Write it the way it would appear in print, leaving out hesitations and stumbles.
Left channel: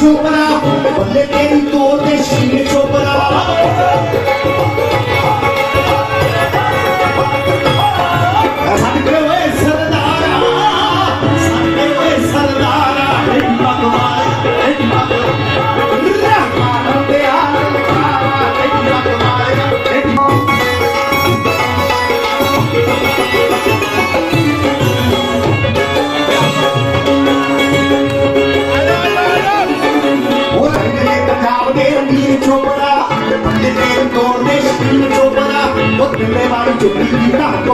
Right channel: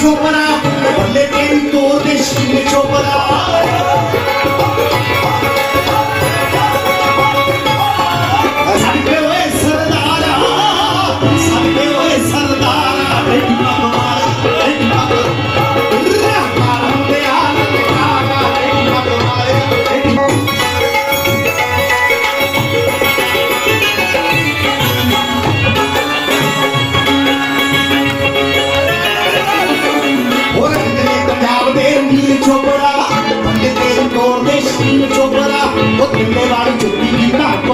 चोपड़ा बल्ले तेरी तोड़ दे शील चोपड़ा सड़के हुए सरदारा सड़के हुए सरदारा चोपड़ा बल्ले तेरी तोड़ दे शील चोपड़ा वो किले वाली चुप्पी की